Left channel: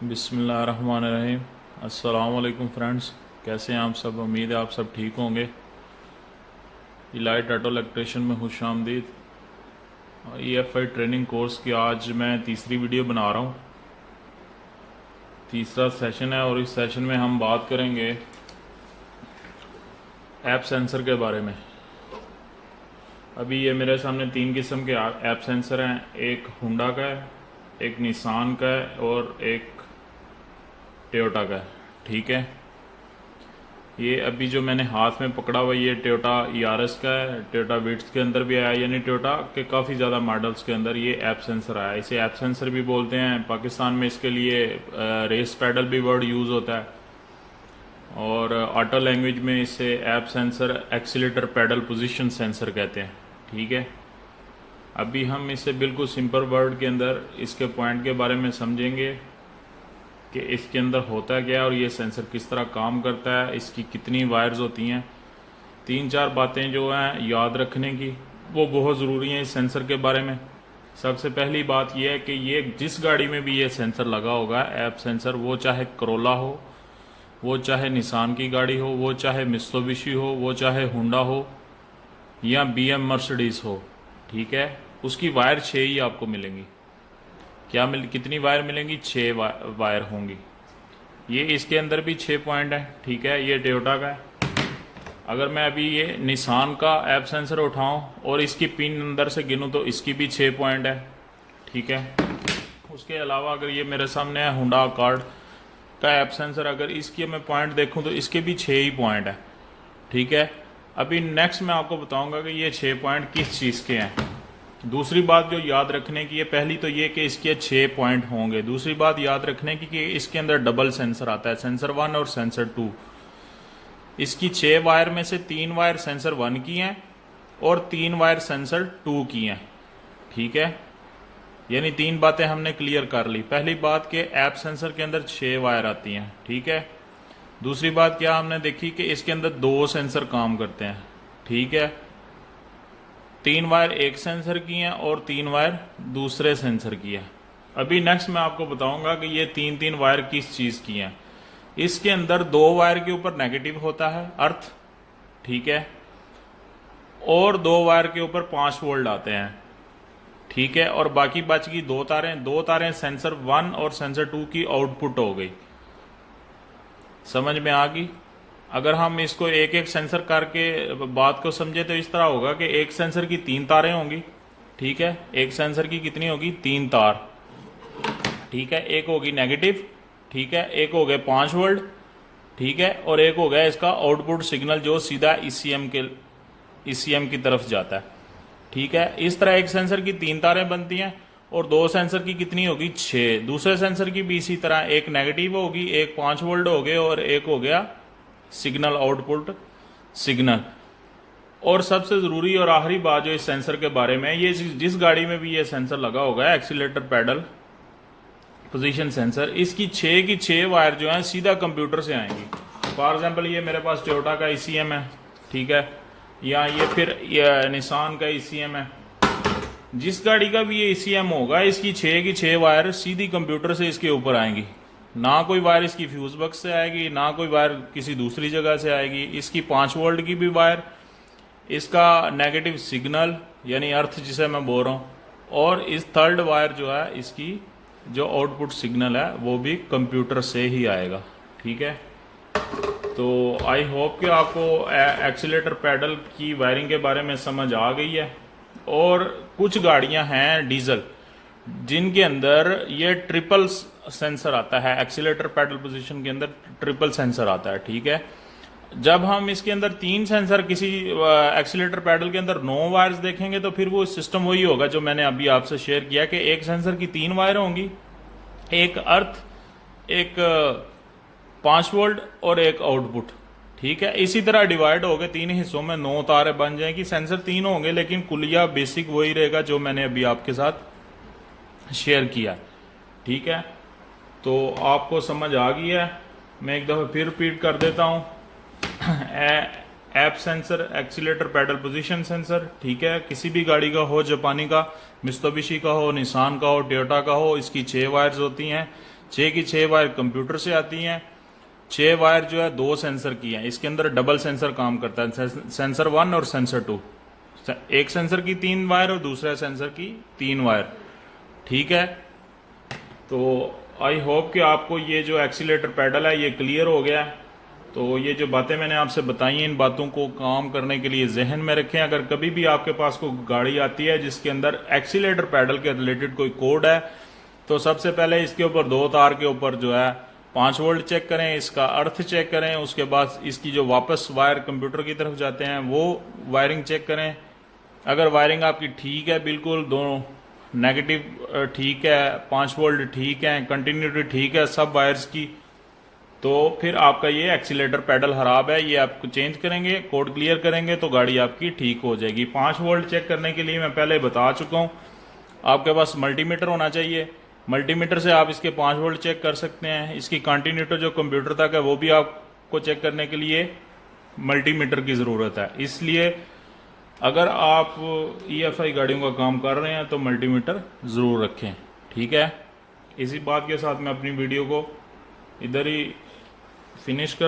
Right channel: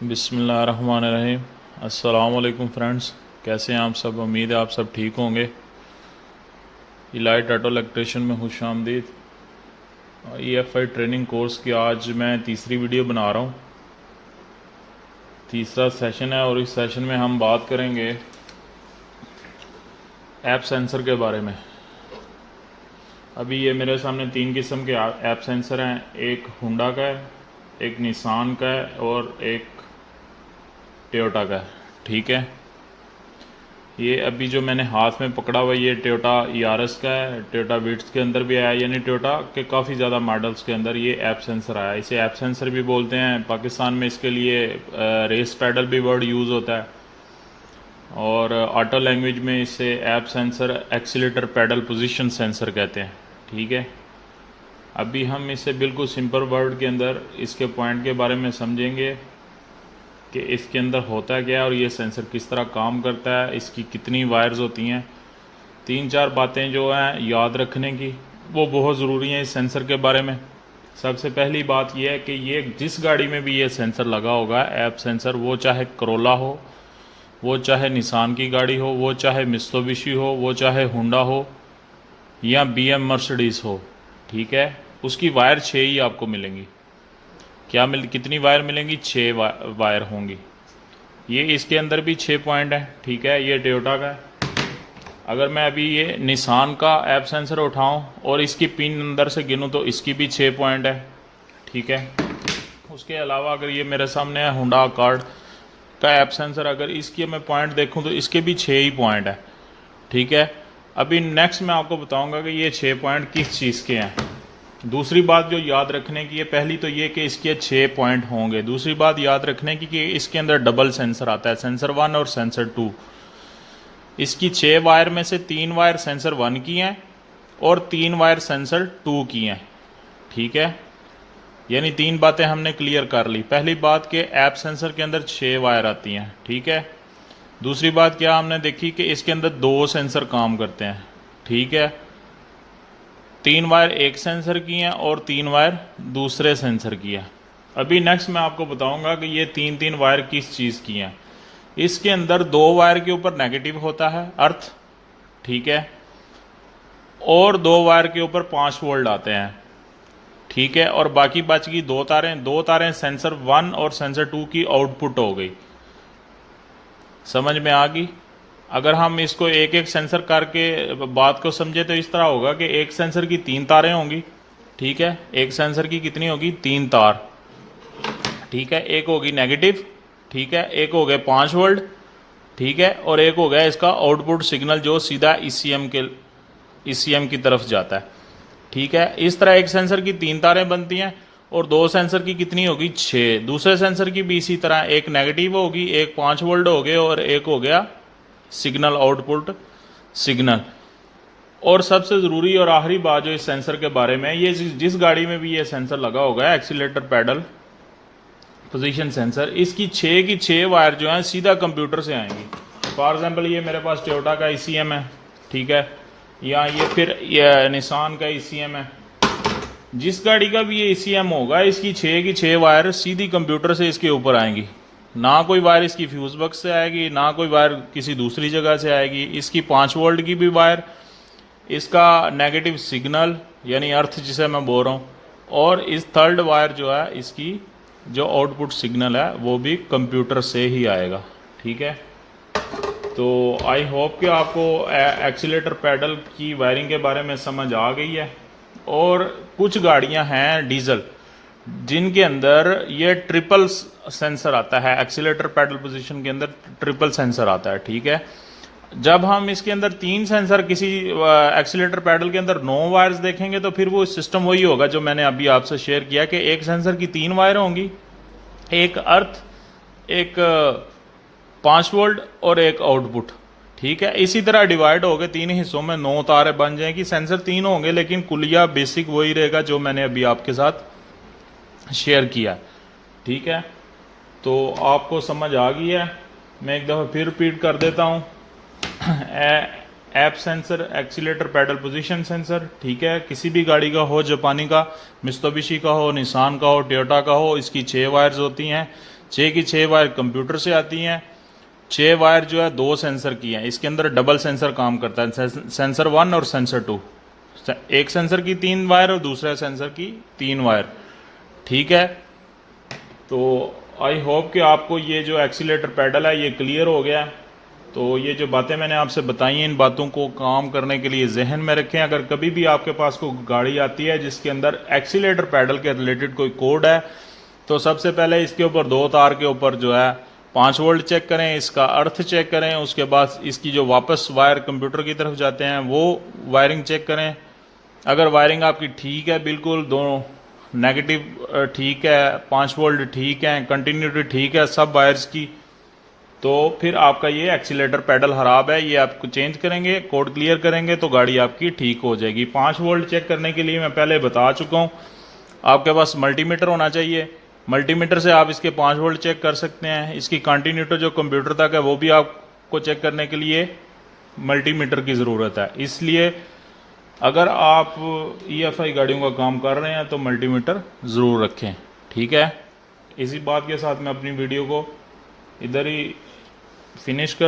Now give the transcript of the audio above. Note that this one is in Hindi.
बिस्मिल्लाहिर्रहमानिर्रहीम। अस्सलाम वालेकुम फ्रेंड्स, कैसे हैं आप सब। उम्मीद है आप सब ठीक होंगे। इलाइट ऑटो इलेक्ट्रिशियन में खुश आमदीद। EFI ट्रेनिंग कोर्स की आज मैं तीसरी वीडियो बना रहा हूँ। तीसरा सेशन है और इस सेशन में हम बात करेंगे ऐप सेंसर के बारे में। अभी ये मेरे सामने 3 किस्म के ऐप सेंसर हैं। एक हुंडा का है, एक निसान का है और एक टोयोटा का है। ठीक है, ये अभी जो मैंने हाथ में पकड़ा हुआ ये टोयोटा यारिस का है। टोयोटा विट्स के अंदर भी आया, यानी टोयोटा के काफ़ी ज़्यादा मॉडल्स के अंदर ये ऐप सेंसर आया। इसे ऐप सेंसर भी बोलते हैं। पाकिस्तान में इसके लिए रेस पैडल भी वर्ड यूज़ होता है और ऑटो लैंग्वेज में इसे APP sensor accelerator pedal position sensor कहते हैं। ठीक है, अभी हम इसे बिल्कुल सिंपल वर्ड के अंदर इसके पॉइंट के बारे में समझेंगे कि इसके अंदर होता क्या है और ये सेंसर किस तरह काम करता है, इसकी कितनी वायर्स होती हैं। 3-4 बातें जो हैं याद रखने की वो बहुत ज़रूरी हैं इस सेंसर के बारे में। सबसे पहली बात यह है कि ये जिस गाड़ी में भी ये सेंसर लगा होगा ऐप सेंसर, वो चाहे करोला हो, वो चाहे निसान की गाड़ी हो, वो चाहे मित्सुबिशी हो, वो चाहे हुंडा हो या BM मर्सिडीज़ हो, ठीक है, उसकी वायर 6 ही आपको मिलेंगी। कितनी वायर मिलेंगी? 6 वायर होंगी। ये इसके अंदर भी 6 पॉइंट हैं। ठीक है, ये टोयोटा का है। अगर मैं अभी ये निसान का ऐप सेंसर उठाऊं और इसकी पिन अंदर से गिनूं तो इसकी भी 6 पॉइंट है। ठीक है, उसके अलावा अगर ये मेरे सामने है हुंडा अकॉर्ड का ऐप सेंसर, अगर इसके मैं पॉइंट देखूं तो इसके भी 6 ही पॉइंट है। ठीक है, अभी नेक्स्ट मैं आपको बताऊंगा कि ये 6 पॉइंट किस चीज़ के हैं। दूसरी बात जो याद रखने की है, पहली तो ये कि इसके 6 पॉइंट होंगे। दूसरी बात याद रखने की कि इसके अंदर डबल सेंसर आता है, सेंसर 1 और सेंसर 2। इसकी 6 वायर में से 3 वायर सेंसर 1 की हैं और 3 वायर सेंसर 2 की हैं। ठीक है, यानी 3 बातें हमने क्लियर कर ली। पहली बात कि ऐप सेंसर के अंदर 6 वायर आती हैं। ठीक है, दूसरी बात क्या हमने देखी कि इसके अंदर 2 सेंसर काम करते हैं। ठीक है, 3 वायर एक सेंसर की हैं और 3 वायर दूसरे सेंसर की है। अभी नेक्स्ट मैं आपको बताऊंगा कि ये 3 वायर किस चीज़ की हैं। इसके अंदर 2 वायर के ऊपर नेगेटिव होता है अर्थ, ठीक है, और 2 वायर के ऊपर 5 वोल्ट आते हैं। ठीक है, और बाकी बच गई 2 तारें सेंसर 1 और सेंसर 2 की आउटपुट हो गई। समझ में आ गई। अगर हम इसको एक एक सेंसर करके बात को समझे तो इस तरह होगा कि एक सेंसर की 3 तारें होंगी। ठीक है, एक सेंसर की कितनी होगी? 3 तार। ठीक है, एक होगी नेगेटिव, ठीक है, एक हो गए 5 वोल्ट, ठीक है, और एक हो गया इसका आउटपुट सिग्नल जो सीधा ECM की तरफ जाता है। ठीक है, इस तरह एक सेंसर की 3 तारें बनती हैं और 2 सेंसर की कितनी होगी? 6। दूसरे सेंसर की भी इसी तरह, एक नेगेटिव होगी, एक 5 वोल्ट हो गए और एक हो गया सिग्नल आउटपुट सिग्नल। और सबसे ज़रूरी और आखिरी बात जो इस सेंसर के बारे में, ये जिस गाड़ी में भी ये सेंसर लगा होगा एक्सीलेटर पैडल पोजीशन सेंसर, इसकी 6 की 6 वायर जो है सीधा कंप्यूटर से आएंगी। फॉर एग्जांपल ये मेरे पास टोयोटा का ECM है, ठीक है, या ये फिर ये निसान का ECM है। जिस गाड़ी का भी ये ECM होगा, इसकी 6 की 6 वायर सीधी कंप्यूटर से इसके ऊपर आएंगी। ना कोई वायर इसकी फ्यूज बॉक्स से आएगी, ना कोई वायर किसी दूसरी जगह से आएगी। इसकी 5 वोल्ट की भी वायर, इसका नेगेटिव सिग्नल यानी अर्थ जिसे मैं बोल रहा हूँ, और इस थर्ड वायर जो है इसकी जो आउटपुट सिग्नल है वो भी कंप्यूटर से ही आएगा। ठीक है, तो आई होप कि आपको एक्सीलेटर पैडल की वायरिंग के बारे में समझ आ गई है। और कुछ गाड़ियां हैं डीजल जिनके अंदर ये ट्रिपल सेंसर आता है, एक्सीलेटर पैडल पोजीशन के अंदर ट्रिपल सेंसर आता है। ठीक है, जब हम इसके अंदर 3 सेंसर किसी एक्सीलेटर पैडल के अंदर 9 वायर्स देखेंगे तो फिर वो सिस्टम वही होगा जो मैंने अभी आपसे शेयर किया कि एक सेंसर की 3 वायर होंगी, एक अर्थ, एक 5 वोल्ट और एक आउटपुट। ठीक है, इसी तरह डिवाइड हो गए 3 हिस्सों में, 9 तारें बन जाएंगी। सेंसर 3 होंगे लेकिन कुलिया बेसिक वही रहेगा जो मैंने अभी आपके साथ शेयर किया। ठीक है, तो आपको समझ आ गई है। मैं एक दफ़ा फिर रिपीट कर देता हूँ। APP sensor accelerator pedal position sensor, ठीक है, किसी भी गाड़ी का हो, जापानी का, मित्सुबिशी का हो, निसान का हो, टोयोटा का हो, इसकी 6 वायर्स होती हैं। 6 की 6 वायर कंप्यूटर से आती हैं। 6 वायर जो है 2 सेंसर की हैं। इसके अंदर डबल सेंसर काम करता है, सेंसर 1 और सेंसर 2। एक सेंसर की 3 वायर और दूसरा सेंसर की 3 वायर। ठीक है, तो आई होप कि आपको ये जो एक्सीलेटर पैडल है ये क्लियर हो गया। तो ये जो बातें मैंने आपसे बताई हैं, इन बातों को काम करने के लिए जहन में रखें। अगर कभी भी आपके पास कोई गाड़ी आती है जिसके अंदर एक्सीलेटर पैडल के रिलेटेड कोई कोड है, तो सबसे पहले इसके ऊपर 2 तार के ऊपर जो है 5 वोल्ट चेक करें, इसका अर्थ चेक करें। उसके बाद इसकी जो वापस वायर कंप्यूटर की तरफ जाते हैं वो वायरिंग चेक करें। अगर वायरिंग आपकी ठीक है, बिल्कुल दोनों नेगेटिव ठीक है, 5 वोल्ट ठीक है, कंटिन्यूटी ठीक है सब वायर्स की, तो फिर आपका ये एक्सीलेटर पैडल खराब है, ये आपको चेंज करेंगे, कोड क्लियर करेंगे तो गाड़ी आपकी ठीक हो जाएगी। 5 वोल्ट चेक करने के लिए मैं पहले बता चुका हूँ, आपके पास मल्टीमीटर होना चाहिए। मल्टीमीटर से आप इसके 5 वोल्ट चेक कर सकते हैं। इसकी कंटिन्यूटी जो कंप्यूटर तक है वो भी आपको चेक करने के लिए मल्टीमीटर की ज़रूरत है। इसलिए अगर आप EFI गाड़ियों का काम कर रहे हैं तो मल्टीमीटर ज़रूर रखें। ठीक है, इसी बात के साथ मैं अपनी वीडियो को इधर ही फिनिश कर